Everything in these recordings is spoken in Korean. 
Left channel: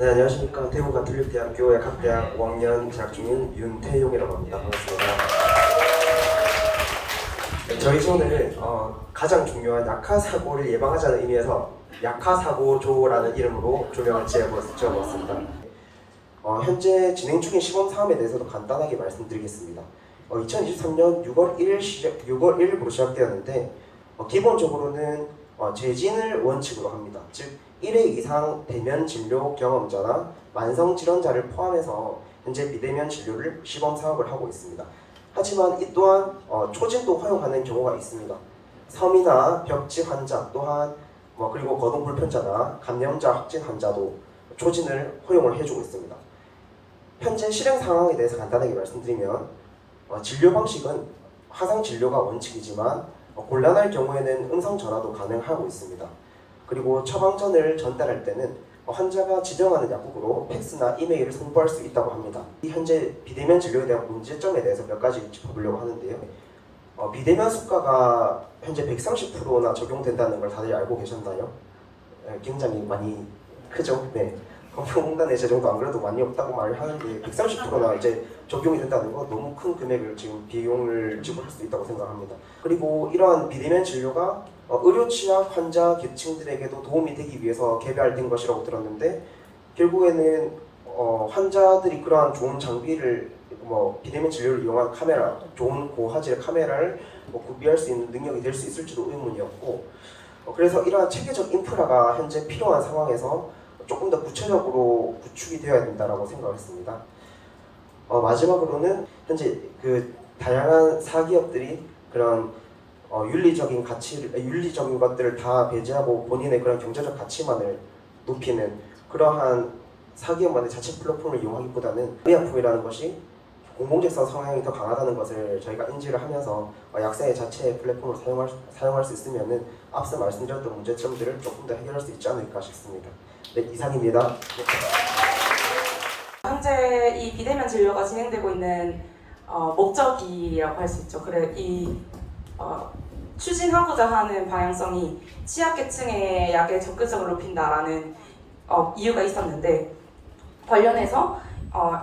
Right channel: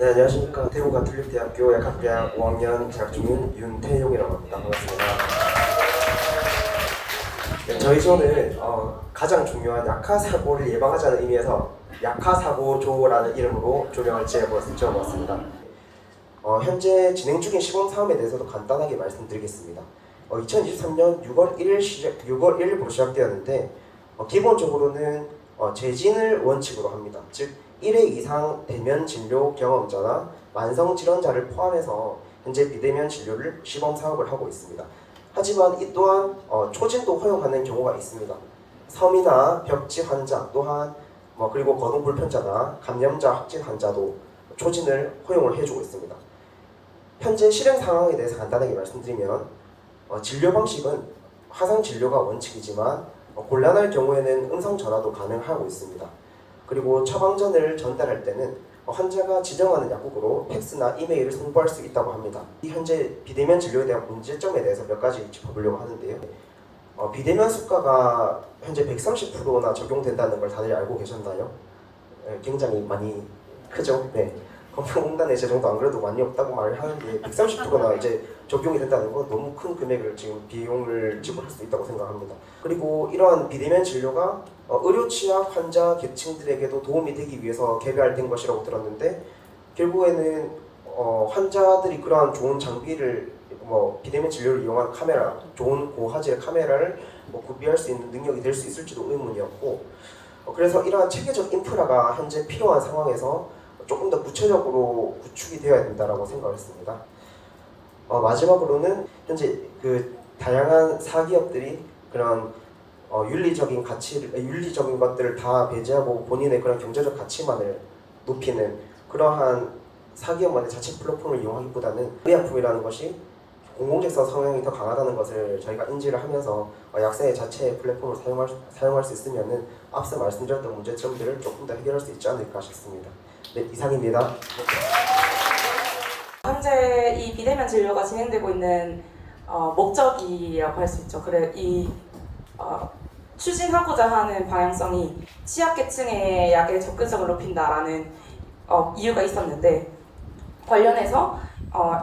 네, 안녕하십니까. 대구 가톨릭대학교 약학대학 5학년 재학 중인 윤태용이라고 합니다. 반갑습니다. 네, 저희 조는 가장 중요한 약화사고를 예방하자는 의미에서 약화사고조라는 이름으로 조명을 지어봤습니다. 현재 진행 중인 시범 사업에 대해서도 간단하게 말씀드리겠습니다. 2023년 6월 1일부로 시작되었는데 기본적으로는 재진을 원칙으로 합니다. 즉 1회 이상 대면 진료 경험자나 만성 질환자를 포함해서 현재 비대면 진료를 시범 사업을 하고 있습니다. 하지만 이 또한 초진도 허용하는 경우가 있습니다. 섬이나 벽지 환자 또한 그리고 거동 불편자나 감염자 확진 환자도 초진을 허용을 해주고 있습니다. 현재 실행 상황에 대해서 간단하게 말씀드리면 진료 방식은 화상 진료가 원칙이지만 곤란할 경우에는 음성 전화도 가능하고 있습니다. 그리고 처방전을 전달할 때는 환자가 지정하는 약국으로 팩스나 이메일을 송부할 수 있다고 합니다. 현재 비대면 진료에 대한 문제점에 대해서 몇 가지 짚어보려고 하는데요. 비대면 수가가 현재 130%나 적용된다는 걸 다들 알고 계셨나요? 굉장히 많이 크죠? 네. 건강공단의 재정도 안 그래도 많이 없다고 말을 하는데 130%나 이제 적용이 된다는 건 너무 큰 금액을 지금 비용을 지불할 수 있다고 생각합니다. 그리고 이러한 비대면 진료가 의료 취약 환자 계층들에게도 도움이 되기 위해서 개발된 것이라고 들었는데 결국에는 환자들이 그러한 좋은 장비를 비대면 진료를 이용한 카메라, 좋은 고화질 카메라를 구비할 수 있는 능력이 될 수 있을지도 의문이었고 그래서 이러한 체계적 인프라가 현재 필요한 상황에서 조금 더 구체적으로 구축이 되어야 된다고 생각했습니다. 마지막으로는 현재 다양한 사기업들이 그런 윤리적인 것들을 다 배제하고 본인의 그런 경제적 가치만을 높이는 그러한 사기업만의 자체 플랫폼을 이용하기보다는 의약품이라는 것이 공공직선 성향이 더 강하다는 것을 저희가 인지를 하면서 약사의 자체 플랫폼을 사용할 수 있으면은 앞서 말씀드렸던 문제점들을 조금 더 해결할 수 있지 않을까 싶습니다. 네, 이상입니다. 현재 이 비대면 진료가 진행되고 있는 목적이라고 할 수 있죠. 그래 추진하고자 하는 방향성이 취약계층의 약의 접근성을 높인다라는 이유가 있었는데 관련해서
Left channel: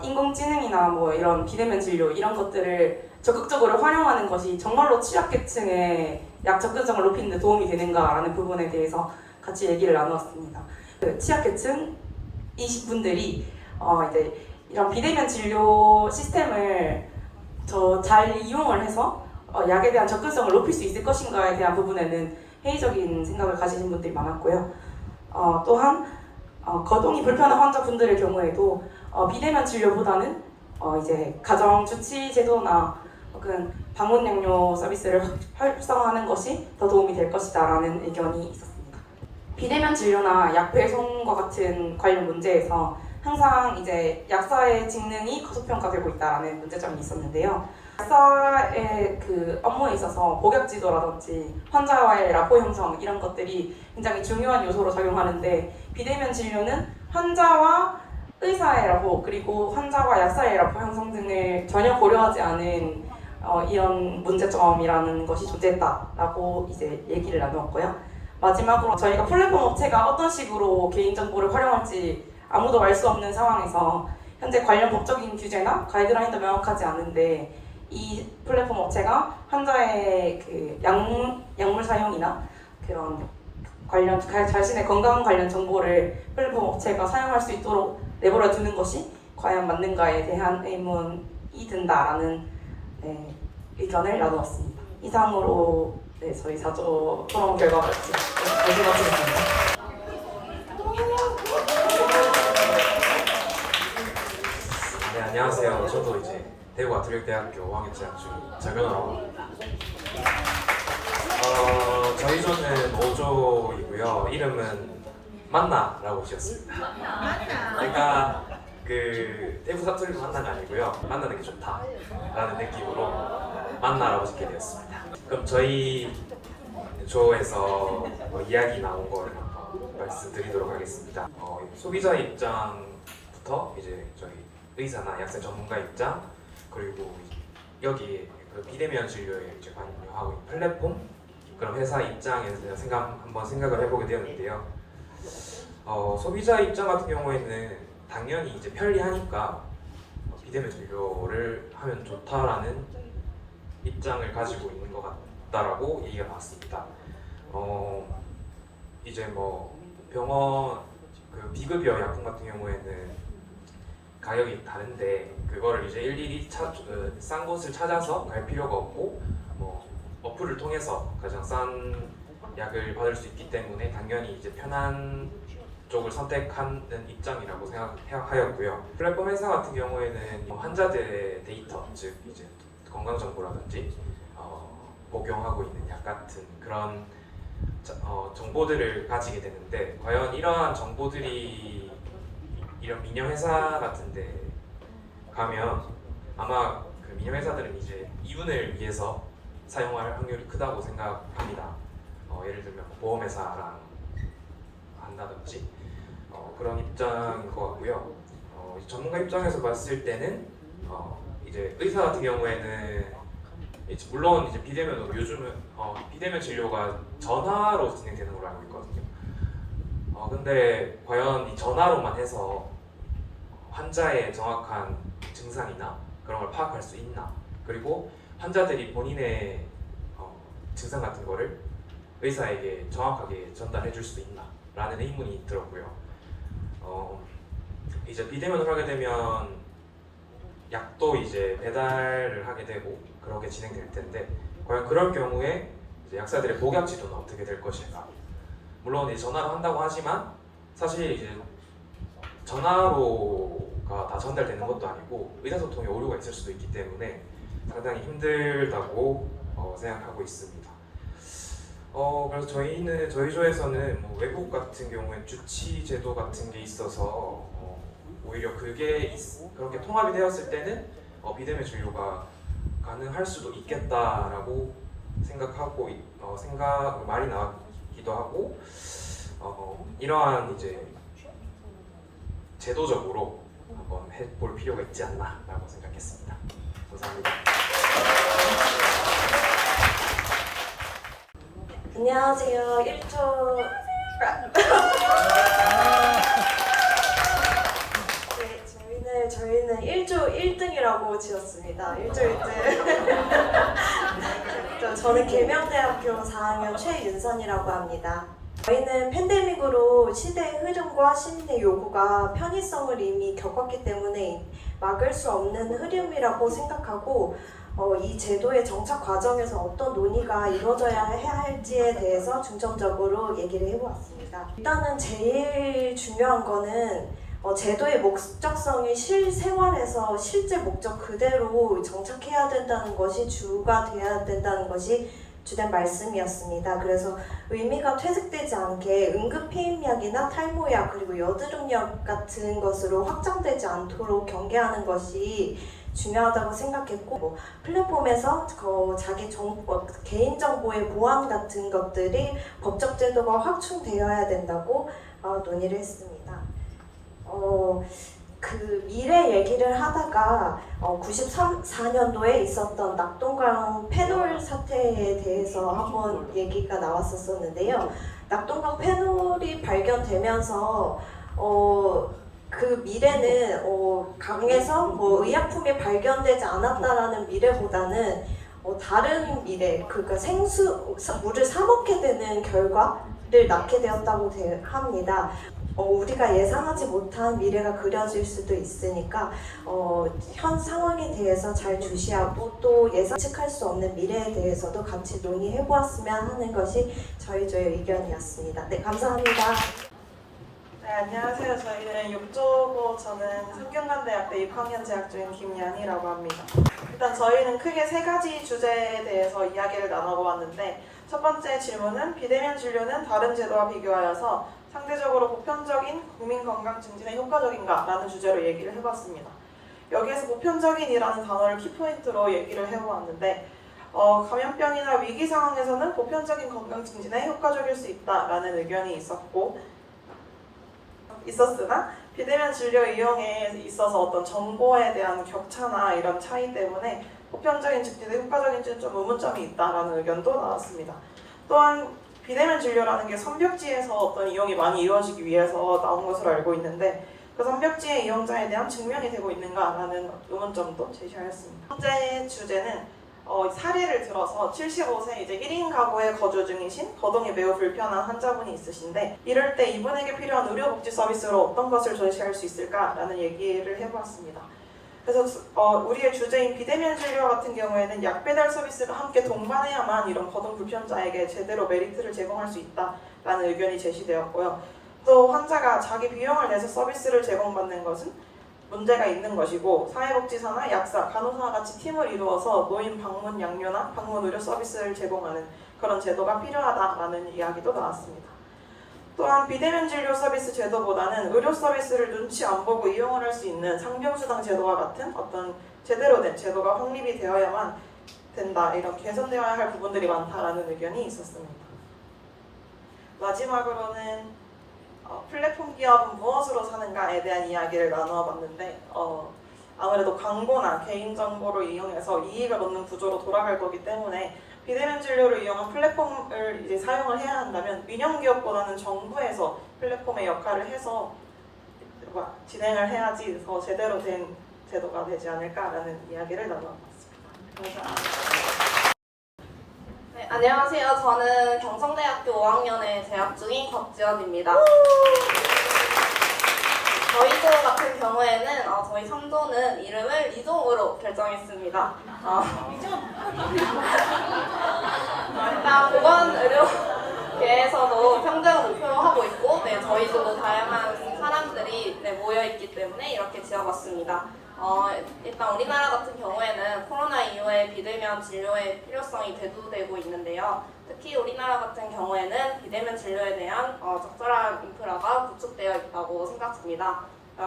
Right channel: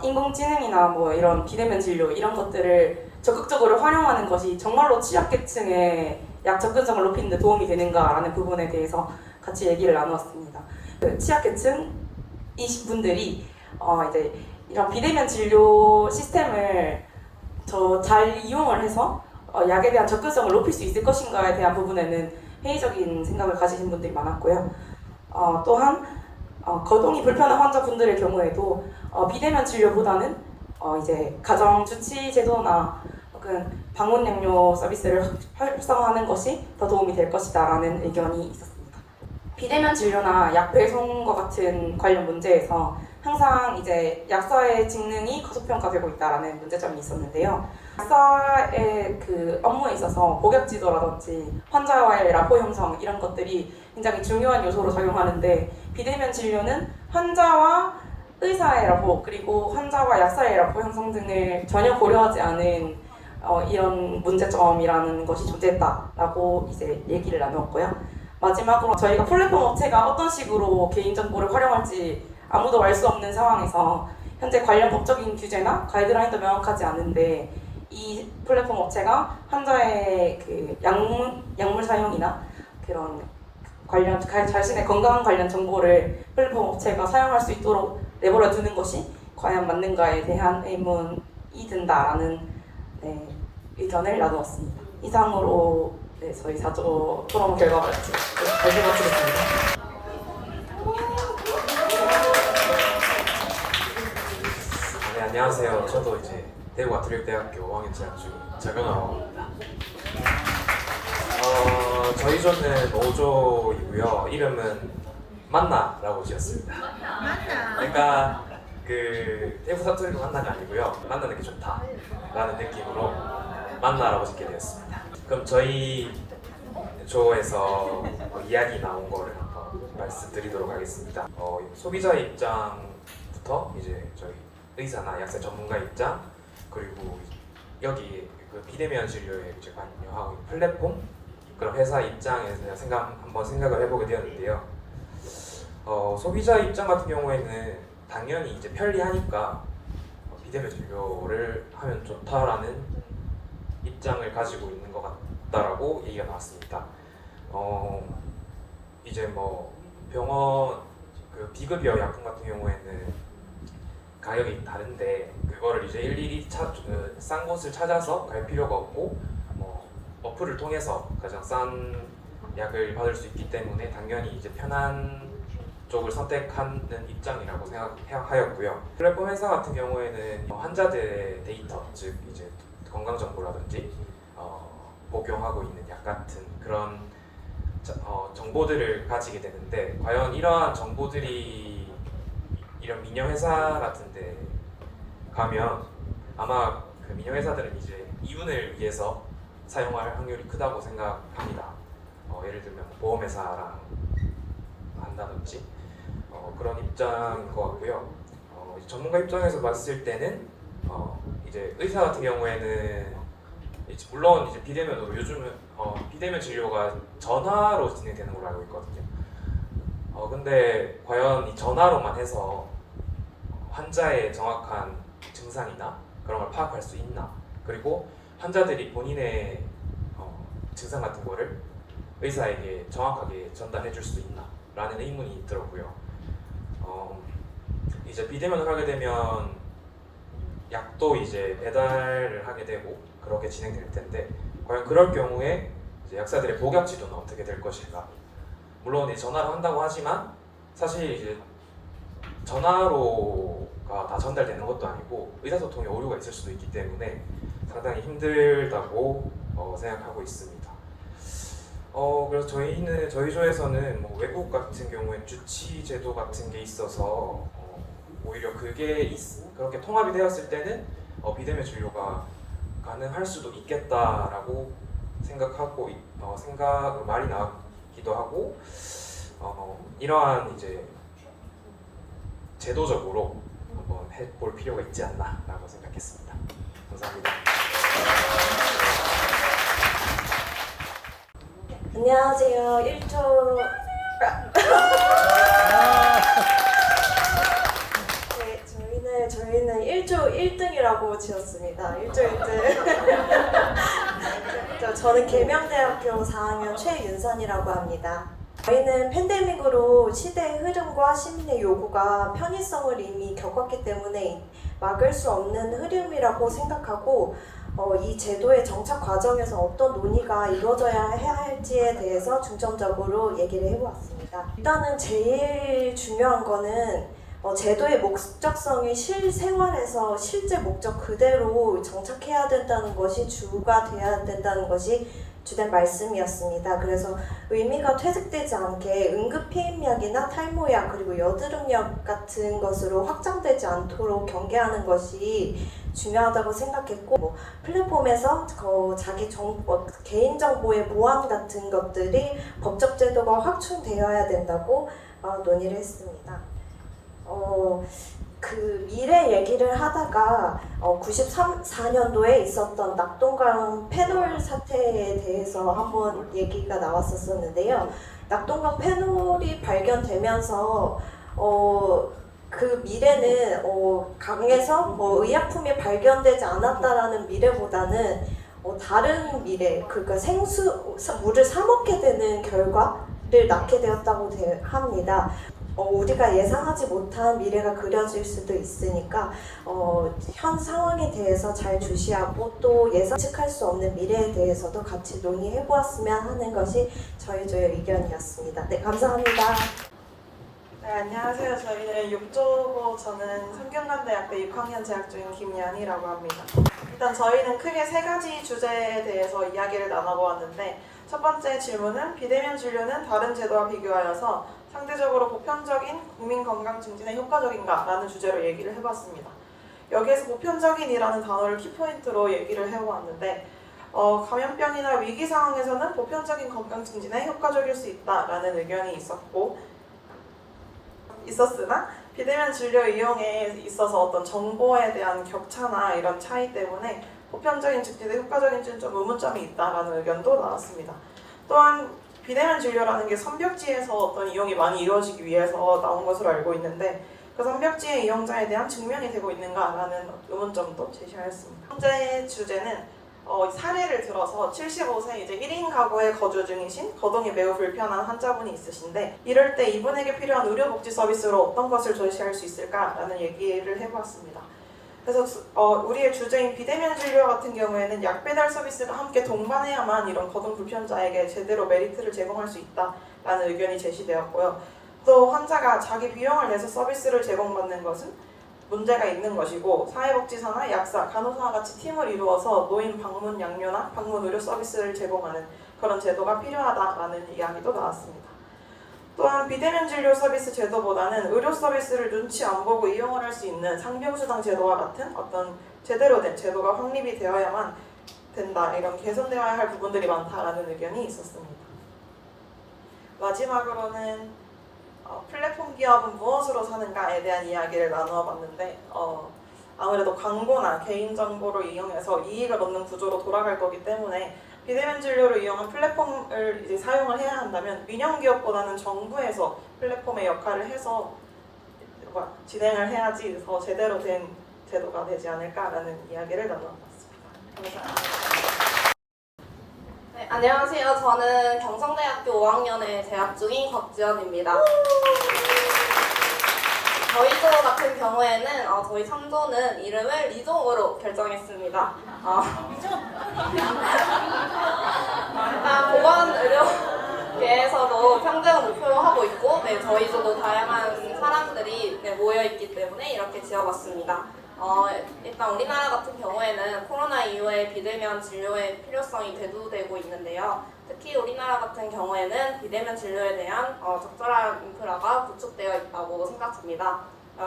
인공지능이나 이런 비대면 진료 이런 것들을 적극적으로 활용하는 것이 정말로 취약계층의 약 접근성을 높이는 데 도움이 되는가라는 부분에 대해서 같이 얘기를 나누었습니다. 취약계층이신 분들이 이제 이런 비대면 진료 시스템을 더 잘 이용을 해서 약에 대한 접근성을 높일 수 있을 것인가에 대한 부분에는 회의적인 생각을 가지신 분들이 많았고요. 또한 거동이 불편한 환자분들의 경우에도 비대면 진료보다는 이제 가정 주치 제도나 혹은 방문 양료 서비스를 활성화하는 것이 더 도움이 될 것이다라는 의견이 있었습니다. 비대면 진료나 약 배송과 같은 관련 문제에서 항상 이제 약사의 직능이 과소평가되고 있다라는 문제점이 있었는데요. 약사의 업무에 있어서 복역 지도라든지 환자와의 라포 형성 이런 것들이 굉장히 중요한 요소로 작용하는데 비대면 진료는 환자와 의사의 라포 그리고 환자와 약사의 라포 형성 등을 전혀 고려하지 않은 이런 문제점이라는 것이 존재했다라고 이제 얘기를 나누었고요. 마지막으로 저희가 플랫폼 업체가 어떤 식으로 개인정보를 활용할지 아무도 알 수 없는 상황에서 현재 관련 법적인 규제나 가이드라인도 명확하지 않은데 이 플랫폼 업체가 환자의 약물 사용이나 그런 관련 자신의 건강 관련 정보를 플랫폼 업체가 사용할 수 있도록 내버려 두는 것이 과연 맞는가에 대한 의문이 든다라는 의견을 나누었습니다. 이상으로 저희 4조 토론 결과가 마치겠습니다. 네, 안녕하세요. 저도 이제 대구 가톨릭대학교 5학년 재학 중인 장현아라고 합니다. 저희 조는 5조이고요. 이름은 만나라고 지었습니다. 만나. 그러니까 대구 사투리로 만나가 아니고요. 만나는 게 좋다라는 느낌으로 만나라고 짓게 되었습니다. 그럼 저희 조에서 이야기 나온 거를 한번 말씀드리도록 하겠습니다. 소비자 입장부터 이제 저희 의사나 약사 전문가 입장 그리고 여기 비대면 진료에 이제 관여하고 있는 플랫폼 그런 회사 입장에서 한번 생각을 해보게 되었는데요. 소비자 입장 같은 경우에는 당연히 이제 편리하니까 비대면 진료를 하면 좋다라는 입장을 가지고 있는 것 같다라고 얘기가 나왔습니다. 이제 뭐 병원 그 비급여 약품 같은 경우에는 가격이 다른데 그거를 이제 일일이 싼 곳을 찾아서 갈 필요가 없고 뭐 어플을 통해서 가장 싼 약을 받을 수 있기 때문에 당연히 이제 편한 쪽을 선택하는 입장이라고 생각하였고요. 플랫폼 회사 같은 경우에는 환자들의 데이터, 즉 이제 건강 정보라든지 복용하고 있는 약 같은 그런 정보들을 가지게 되는데 과연 이러한 정보들이 이런 민영 회사 같은데 가면 아마 그 민영 회사들은 이제 이윤을 위해서 사용할 확률이 크다고 생각합니다. 예를 들면 보험회사랑 한다든지 그런 입장인 것 같고요. 전문가 입장에서 봤을 때는 이제 의사 같은 경우에는 물론 이제 비대면으로 요즘은 비대면 진료가 전화로 진행되는 걸로 알고 있거든요. 근데 과연 이 전화로만 해서 환자의 정확한 증상이나 그런 걸 파악할 수 있나? 그리고 환자들이 본인의 증상 같은 거를 의사에게 정확하게 전달해 줄 수 있나? 라는 의문이 있더라고요. 이제 비대면을 하게 되면 약도 이제 배달을 하게 되고 그렇게 진행될 텐데 과연 그럴 경우에 이제 약사들의 복약 지도는 어떻게 될 것인가? 물론 이제 전화로 한다고 하지만 사실 이제 전화로가 다 전달되는 것도 아니고 의사소통에 오류가 있을 수도 있기 때문에 상당히 힘들다고 생각하고 있습니다. 그래서 저희 조에서는 뭐 외국 같은 경우엔 주치 제도 같은 게 있어서 오히려 그게 그렇게 통합이 되었을 때는 비대면 진료가 가능할 수도 있겠다라고 생각하고 생각 많이 나왔기도 하고 이러한 이제 제도적으로 한번 해볼 필요가 있지 않나라고 생각했습니다. 감사합니다. 안녕하세요. 1조 네, 저희는 1조 1등이라고 지었습니다. 1조 1등. 저는 계명대학교 4학년 최윤선이라고 합니다. 저희는 팬데믹으로 시대의 흐름과 시민의 요구가 편의성을 이미 겪었기 때문에 막을 수 없는 흐름이라고 생각하고 이 제도의 정착 과정에서 어떤 논의가 이루어져야 해야 할지에 대해서 중점적으로 얘기를 해보았습니다. 일단은 제일 중요한 거는 제도의 목적성이 실생활에서 실제 목적 그대로 정착해야 된다는 것이 주가 돼야 된다는 것이 주된 말씀이었습니다. 그래서 의미가 퇴색되지 않게 응급피임약이나 탈모약 그리고 여드름약 같은 것으로 확장되지 않도록 경계하는 것이 중요하다고 생각했고 플랫폼에서 자기 개인정보의 보안 같은 것들이 법적 제도가 확충되어야 된다고 논의를 했습니다. 그 미래 얘기를 하다가 94년도에 있었던 낙동강 페놀 사태에 대해서 한번 얘기가 나왔었는데요. 낙동강 페놀이 발견되면서 그 미래는 강에서 의약품이 발견되지 않았다라는 미래보다는 다른 미래, 그러니까 물을 사 먹게 되는 결과를 낳게 되었다고 합니다. 우리가 예상하지 못한 미래가 그려질 수도 있으니까 현 상황에 대해서 잘 주시하고 또 예측할 수 없는 미래에 대해서도 같이 논의해 보았으면 하는 것이 저의 의견이었습니다. 네, 감사합니다. 네, 안녕하세요. 저희는 6조고 저는 성균관대학대 6학년 재학 중인 김연희라고 합니다. 일단 저희는 크게 세 가지 주제에 대해서 이야기를 나눠보았는데 첫 번째 질문은 비대면 진료는 다른 제도와 비교하여서 상대적으로 보편적인 국민 건강 증진에 효과적인가? 라는 주제로 얘기를 해봤습니다. 여기에서 보편적인이라는 단어를 키포인트로 얘기를 해보았는데 감염병이나 위기 상황에서는 보편적인 건강 증진에 효과적일 수 있다라는 의견이 있었으나 비대면 진료 이용에 있어서 어떤 정보에 대한 격차나 이런 차이 때문에 보편적인 증진에 효과적인지는 좀 의문점이 있다라는 의견도 나왔습니다. 또한 비대면 진료라는 게 선벽지에서 어떤 이용이 많이 이루어지기 위해서 나온 것으로 알고 있는데 그 선벽지행 이용자에 대한 증명이 되고 있는가라는 의문점도 제시하였습니다. 현재 주제는 사례를 들어서 75세 이제 1인 가구에 거주 중이신 거동이 매우 불편한 환자분이 있으신데 이럴 때 이분에게 필요한 의료복지 서비스로 어떤 것을 제시할 수 있을까라는 얘기를 해봤습니다. 그래서 우리의 주제인 비대면 진료 같은 경우에는 약 배달 서비스가 함께 동반해야만 이런 거동 불편자에게 제대로 메리트를 제공할 수 있다라는 의견이 제시되었고요. 또 환자가 자기 비용을 내서 서비스를 제공받는 것은 문제가 있는 것이고 사회복지사나 약사, 간호사와 같이 팀을 이루어서 노인 방문 양료나 방문 의료 서비스를 제공하는 그런 제도가 필요하다라는 이야기도 나왔습니다. 또한 비대면 진료 서비스 제도보다는 의료 서비스를 눈치 안 보고 이용을 할 수 있는 상병수당 제도와 같은 어떤 제대로 된 제도가 확립이 되어야만 된다. 이런 개선되어야 할 부분들이 많다라는 의견이 있었습니다. 마지막으로는 플랫폼 기업은 무엇으로 사는가에 대한 이야기를 나누어 봤는데 아무래도 광고나 개인정보를 이용해서 이익을 얻는 구조로 돌아갈 거기 때문에 비대면 진료를 이용한 플랫폼을 이제 사용을 해야 한다면 민영기업보다는 정부에서 플랫폼의 역할을 해서 진행을 해야지 더 제대로 된 제도가 되지 않을까라는 이야기를 나눠봤습니다. 감사합니다. 네, 안녕하세요. 저는 경성대학교 5학년에 재학 중인 곽지연입니다. 저희 조 같은 경우에는 저희 3조는 이름을 리종으로 결정했습니다. 일단 보건의료계에서도 평등을 목표로 하고 있고 저희 조도 다양한 사람들이 모여있기 때문에 이렇게 지어봤습니다. 일단 우리나라 같은 경우에는 코로나 이후에 비대면 진료의 필요성이 대두되고 있는데요. 특히 우리나라 같은 경우에는 비대면 진료에 대한 적절한 인프라가 구축되어 있다고 생각합니다.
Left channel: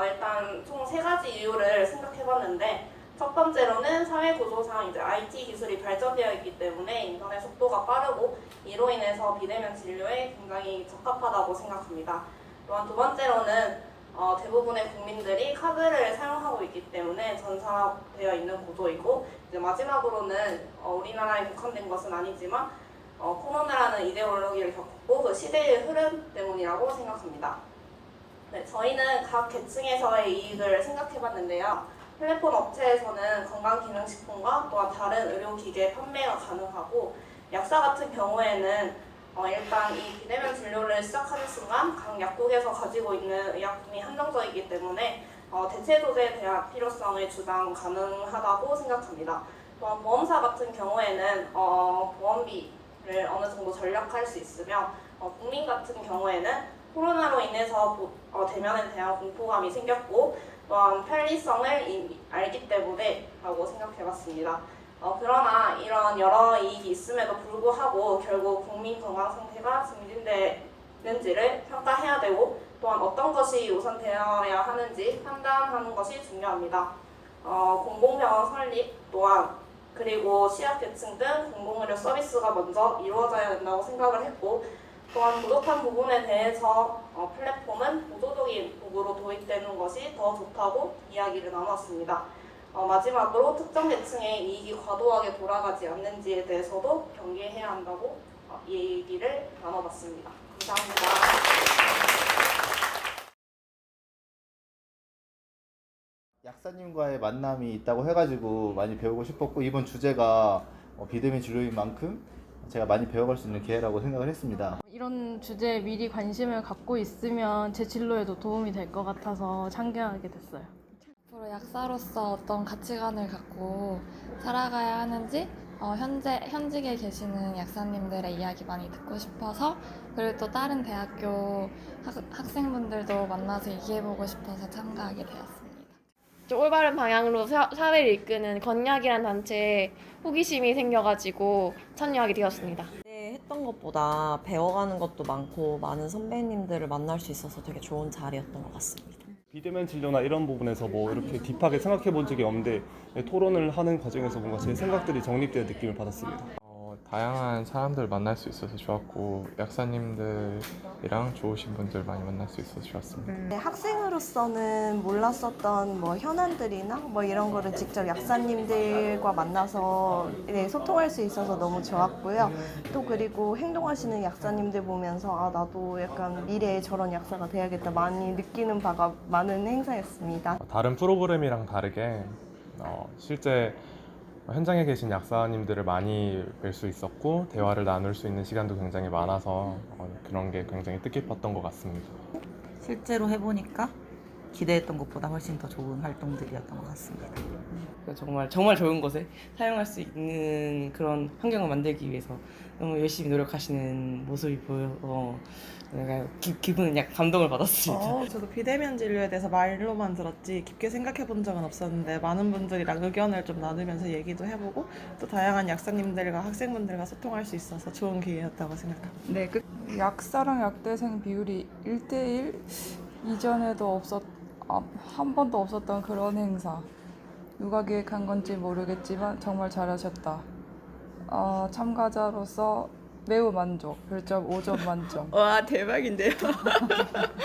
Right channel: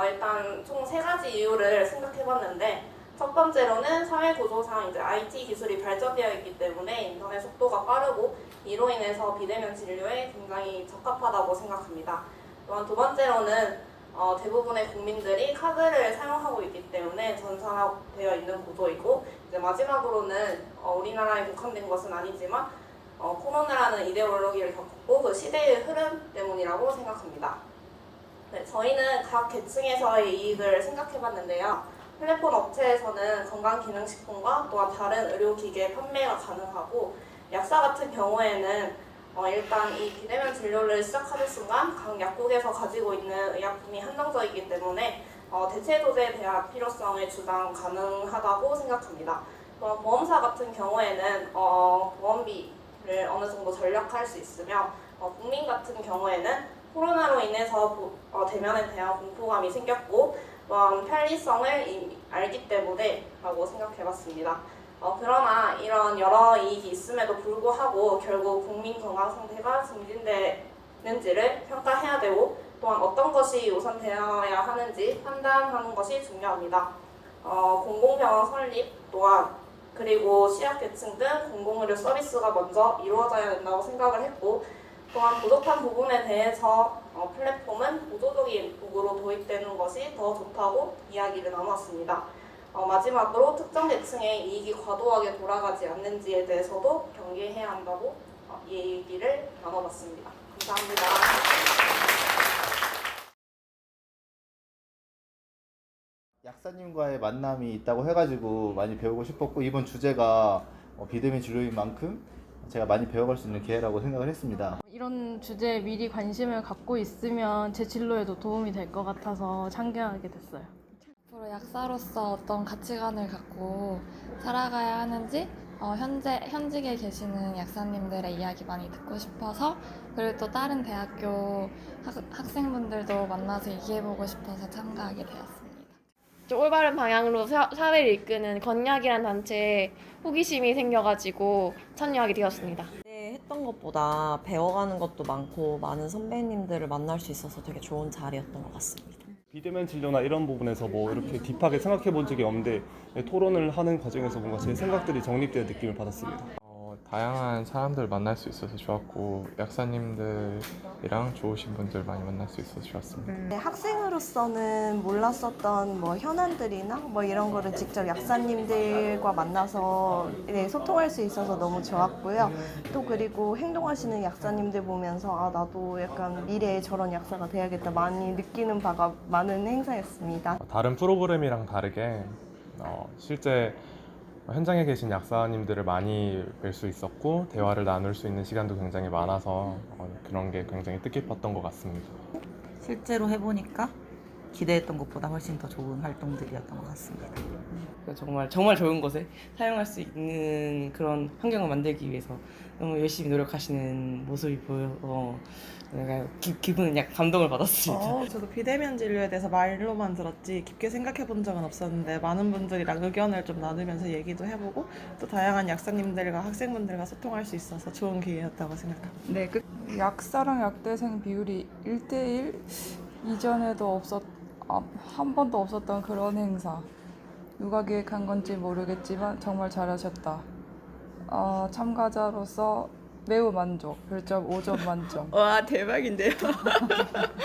일단 총 3가지 이유를 생각해봤는데 첫 번째로는 사회 구조상 이제 IT 기술이 발전되어 있기 때문에 인터넷 속도가 빠르고 이로 인해서 비대면 진료에 굉장히 적합하다고 생각합니다. 또한 두 번째로는 대부분의 국민들이 카드를 사용하고 있기 때문에 전산화되어 있는 구조이고 이제 마지막으로는 우리나라에 국한된 것은 아니지만 코로나라는 이데올로기를 겪고 그 시대의 흐름 때문이라고 생각합니다. 네, 저희는 각 계층에서의 이익을 생각해봤는데요. 플랫폼 업체에서는 건강기능식품과 또한 다른 의료기계 판매가 가능하고 약사 같은 경우에는 일단 이 비대면 진료를 시작하는 순간 각 약국에서 가지고 있는 의약품이 한정적이기 때문에 대체 조제에 대한 필요성을 주장 가능하다고 생각합니다. 보험사 같은 경우에는 보험비를 어느 정도 절약할 수 있으며 국민 같은 경우에는 코로나로 인해서 대면에 대한 공포감이 생겼고 또한 편리성을 이미 알기 때문에 라고 생각해봤습니다. 그러나 이런 여러 이익이 있음에도 불구하고 결국 국민 건강 상태가 증진되는지를 평가해야 되고 또한 어떤 것이 우선되어야 하는지 판단하는 것이 중요합니다. 공공병원 설립 또한 그리고 취약계층 등 공공의료 서비스가 먼저 이루어져야 된다고 생각을 했고 또한 부족한 부분에 대해서 플랫폼은 보조적인 도구로 도입되는 것이 더 좋다고 이야기를 나눴습니다. 마지막으로 특정 계층의 이익이 과도하게 돌아가지 않는지에 대해서도 경계해야 한다고 이 얘기를 나눠봤습니다. 감사합니다. 약사님과의 만남이 있다고 해가지고 많이 배우고 싶었고 이번 주제가 비대면 진료인 만큼 제가 많이 배워갈 수 있는 기회라고 생각을 했습니다. 이런 주제에 미리 관심을 갖고 있으면 제 진로에도 도움이 될 것 같아서 참여하게 됐어요. 앞으로 약사로서 어떤 가치관을 갖고 살아가야 하는지 현직에 계시는 약사님들의 이야기 많이 듣고 싶어서 그리고 또 다른 대학교 학생분들도 만나서 얘기해보고 싶어서 참가하게 되었습니다. 좀 올바른 방향으로 사회를 이끄는 건약이라는 단체에 호기심이 생겨가지고 참여하게 되었습니다. 했던 것보다 배워가는 것도 많고 많은 선배님들을 만날 수 있어서 되게 좋은 자리였던 것 같습니다. 비대면 진료나 이런 부분에서 뭐 이렇게 딥하게 생각해 본 적이 없는데 토론을 하는 과정에서 뭔가 제 생각들이 정립되는 느낌을 받았습니다. 다양한 사람들 만날 수 있어서 좋았고 약사님들이랑 좋으신 분들 많이 만날 수 있어서 좋았습니다. 네, 학생으로서는 몰랐었던 뭐 현안들이나 뭐 이런 거를 직접 약사님들과 만나서 네, 소통할 수 있어서 너무 좋았고요. 또 그리고 행동하시는 약사님들 보면서 아 나도 약간 미래에 저런 약사가 돼야겠다 많이 느끼는 바가 많은 행사였습니다. 다른 프로그램이랑 다르게 실제 현장에 계신 약사님들을 많이 뵐 수 있었고 대화를 나눌 수 있는 시간도 굉장히 많아서 그런 게 굉장히 뜻깊었던 것 같습니다. 실제로 해보니까 기대했던 것보다 훨씬 더 좋은 활동들이었던 것 같습니다. 정말 좋은 곳에 사용할 수 있는 그런 환경을 만들기 위해서 너무 열심히 노력하시는 모습이 보여서 내가 기분은 약간 감동을 받았습니다. 저도 비대면 진료에 대해서 말로만 들었지 깊게 생각해 본 적은 없었는데 많은 분들이랑 의견을 좀 나누면서 얘기도 해보고 또 다양한 약사님들과 학생분들과 소통할 수 있어서 좋은 기회였다고 생각합니다. 네, 약사랑 약대생 비율이 1대1 이전에도 한 번도 없었던 그런 행사. 누가 기획한 건지 모르겠지만 정말 잘하셨다. 참가자로서 매우 만족. 별점 5점 만점. 와 대박인데요.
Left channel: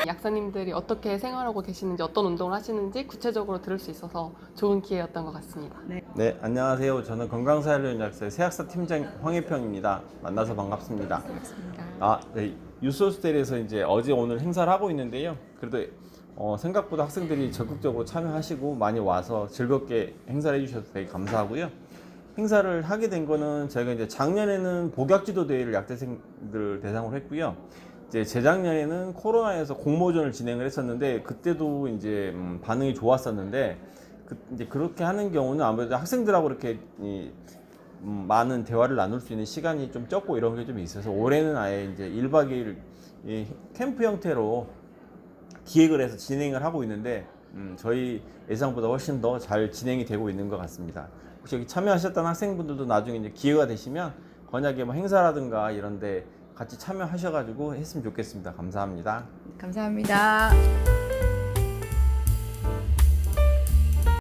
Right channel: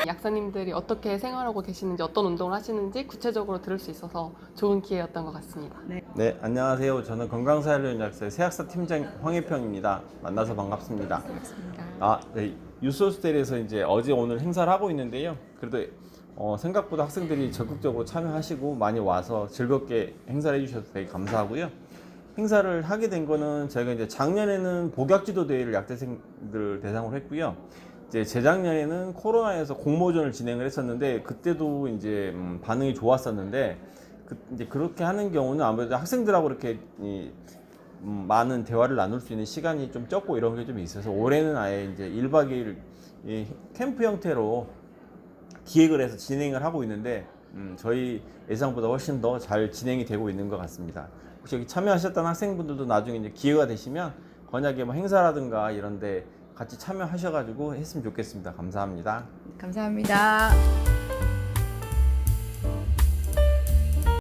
약사님들이 어떻게 생활하고 계시는지 어떤 운동을 하시는지 구체적으로 들을 수 있어서 좋은 기회였던 것 같습니다. 네, 안녕하세요. 저는 건강사회론약사의 새약사 팀장 황혜평입니다. 만나서 반갑습니다. 네, 유소스텔에서 이제 어제 오늘 행사를 하고 있는데요. 그래도 생각보다 학생들이 적극적으로 참여하시고 많이 와서 즐겁게 행사를 해주셔서 되게 감사하고요. 행사를 하게 된 거는 저희가 이제 작년에는 복약지도 대회를 약대생들 대상으로 했고요. 이제 재작년에는 코로나에서 공모전을 진행을 했었는데 그때도 이제 반응이 좋았었는데 이제 그렇게 하는 경우는 아무래도 학생들하고 이렇게 많은 대화를 나눌 수 있는 시간이 좀 적고 이런 게 좀 있어서 올해는 아예 이제 1박 2일 캠프 형태로 기획을 해서 진행을 하고 있는데 저희 예상보다 훨씬 더 잘 진행이 되고 있는 것 같습니다. 혹시 여기 참여하셨던 학생분들도 나중에 이제 기회가 되시면 건약에 뭐 행사라든가 이런 데 같이 참여하셔가지고 했으면 좋겠습니다. 감사합니다. 감사합니다.